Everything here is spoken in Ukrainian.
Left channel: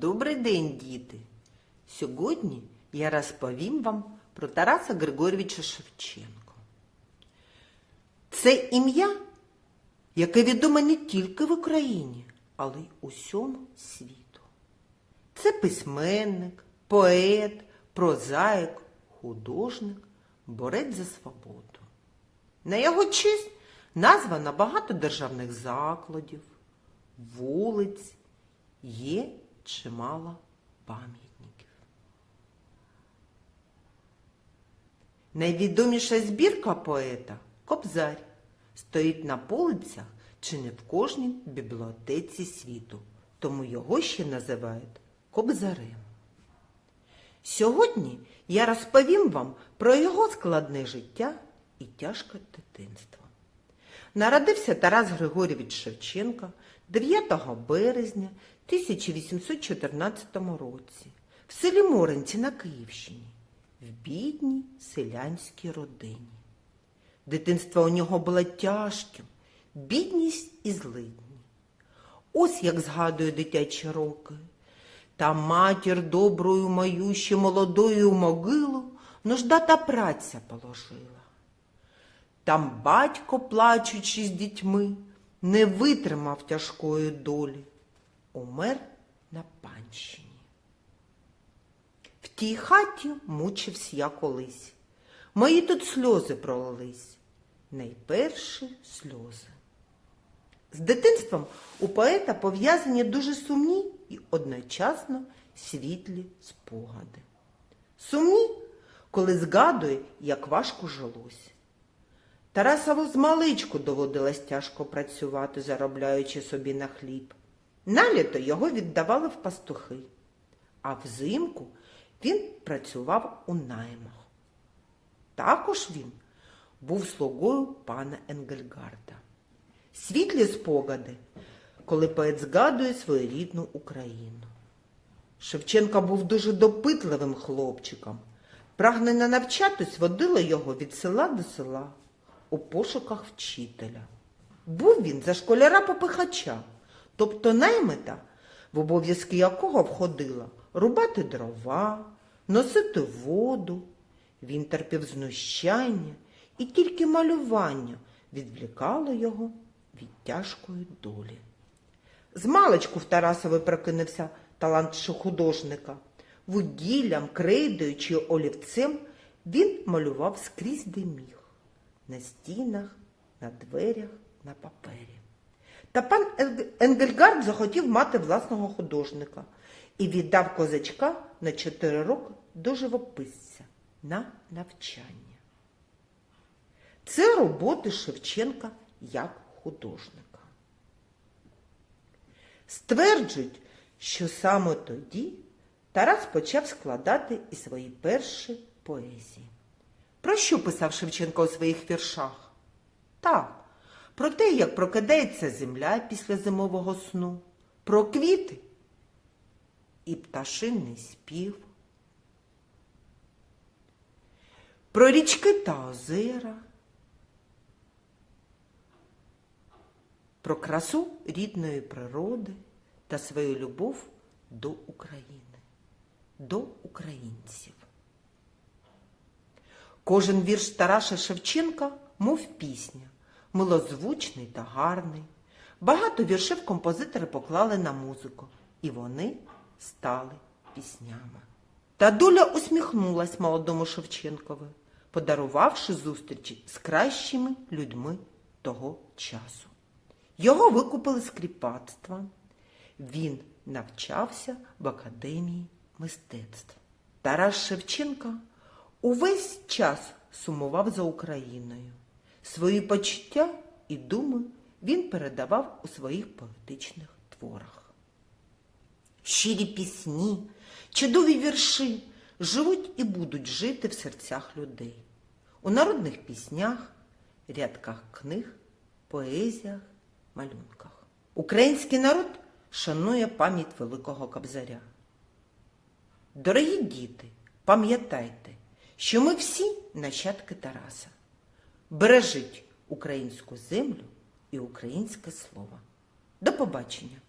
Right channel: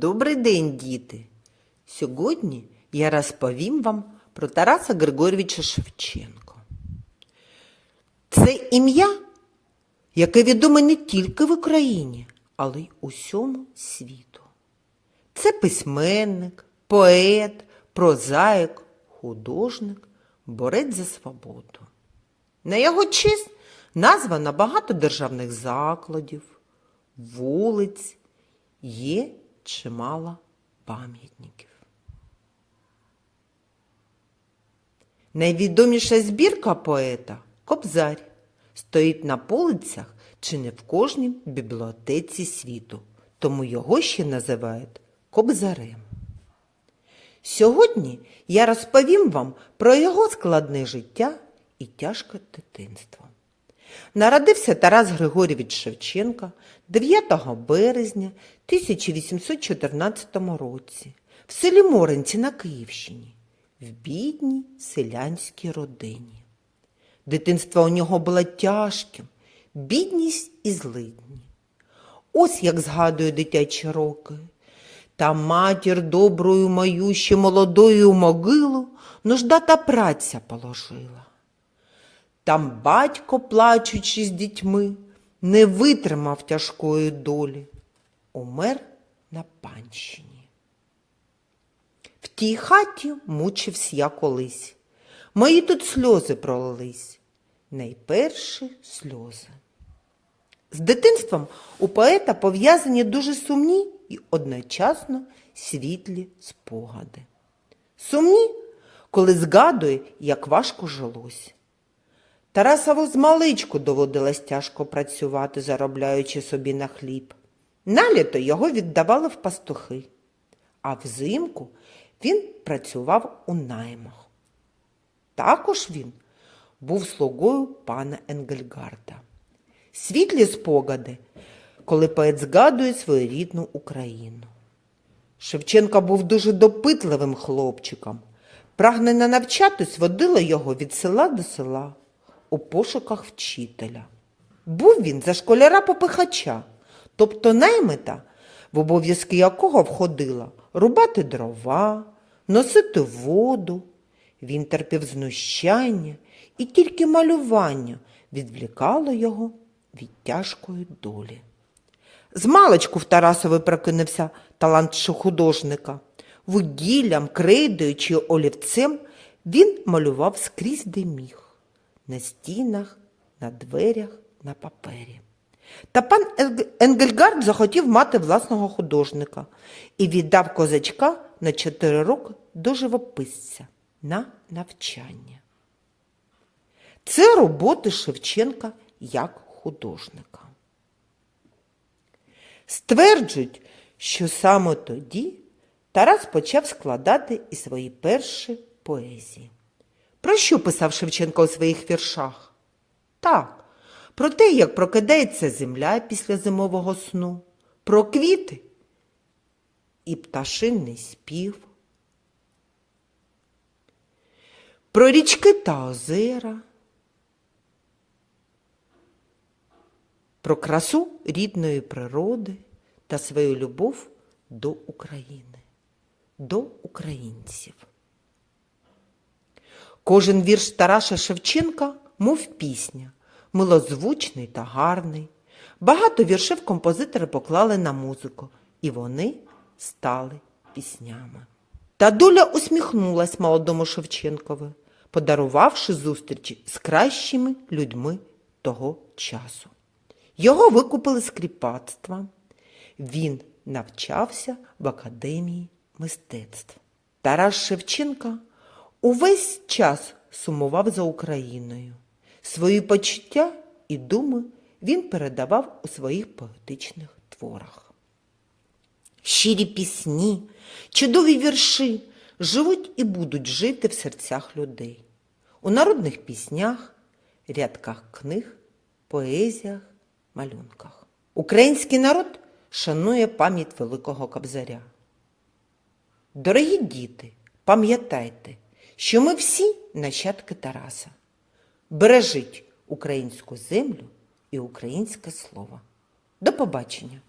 Добрий день, діти! Сьогодні я розповім вам про Тараса Григорьовича Шевченка. Це ім'я, яке відоме не тільки в Україні, але й усьому світу. Це письменник, поет, прозаїк, художник, борець за свободу. На його честь названо багато державних закладів, вулиць, є чимало пам'ятників. Найвідоміша збірка поета Кобзар стоїть на полицях чи не в кожній бібліотеці світу, тому його ще називають Кобзарем. Сьогодні я розповім вам про його складне життя і тяжке дитинство. Народився Тарас Григорійович Шевченка 9 березня 1814 році в селі Моринці на Київщині, в бідній селянській родині. Дитинство у нього було тяжким, бідність і злидні. Ось як згадує дитячі роки. Та матір доброю мою ще молодою могилу нужда та праця положила. Там батько, плачучи з дітьми, не витримав тяжкої долі, умер на панщині. В тій хаті мучився я колись. Мої тут сльози пролились, найперші сльози. З дитинством у поета пов'язані дуже сумні і одночасно світлі спогади. Сумні, коли згадує, як важко жилось. Тарасову з маличку доводилось тяжко працювати, заробляючи собі на хліб. Наліто його віддавали в пастухи, а взимку він працював у наймах. Також він був слугою пана Енгельгарда. Світлі спогади, коли поет згадує свою рідну Україну. Шевченко був дуже допитливим хлопчиком. Прагнення навчатись водила його від села до села у пошуках вчителя. Був він за школяра попихача, тобто наймита, в обов'язки якого входило рубати дрова, носити воду. Він терпів знущання, і тільки малювання відвлікало його від тяжкої долі. Змалечку в Тарасові прокинувся талант художника. Вугіллям, крейдою чи олівцем він малював скрізь де міг на стінах, на дверях, на папері. Та пан Енг- Енгельгард захотів мати власного художника і віддав козачка на чотири роки до живописця на навчання. Це роботи Шевченка як художника. Стверджують, що саме тоді Тарас почав складати і свої перші поезії. Про що писав Шевченко у своїх віршах? Так, про те, як прокидається земля після зимового сну, про квіти і пташинний спів, про річки та озера, про красу рідної природи та свою любов до України, до українців. Кожен вірш Тараса Шевченка, мов пісня, милозвучний та гарний. Багато віршів композитори поклали на музику, і вони стали піснями. Та доля усміхнулась молодому Шевченкові, подарувавши зустрічі з кращими людьми того часу. Його викупили з кріпацтва. Він навчався в академії мистецтв. Тарас Шевченка увесь час сумував за Україною. Свої почуття і думи він передавав у своїх поетичних творах. Щирі пісні, чудові вірші живуть і будуть жити в серцях людей. У народних піснях, рядках книг, поезіях, малюнках. Український народ шанує пам'ять Великого Кобзаря. Дорогі діти, пам'ятайте, що ми всі нащадки Тараса. Бережіть українську землю і українське слово. До побачення!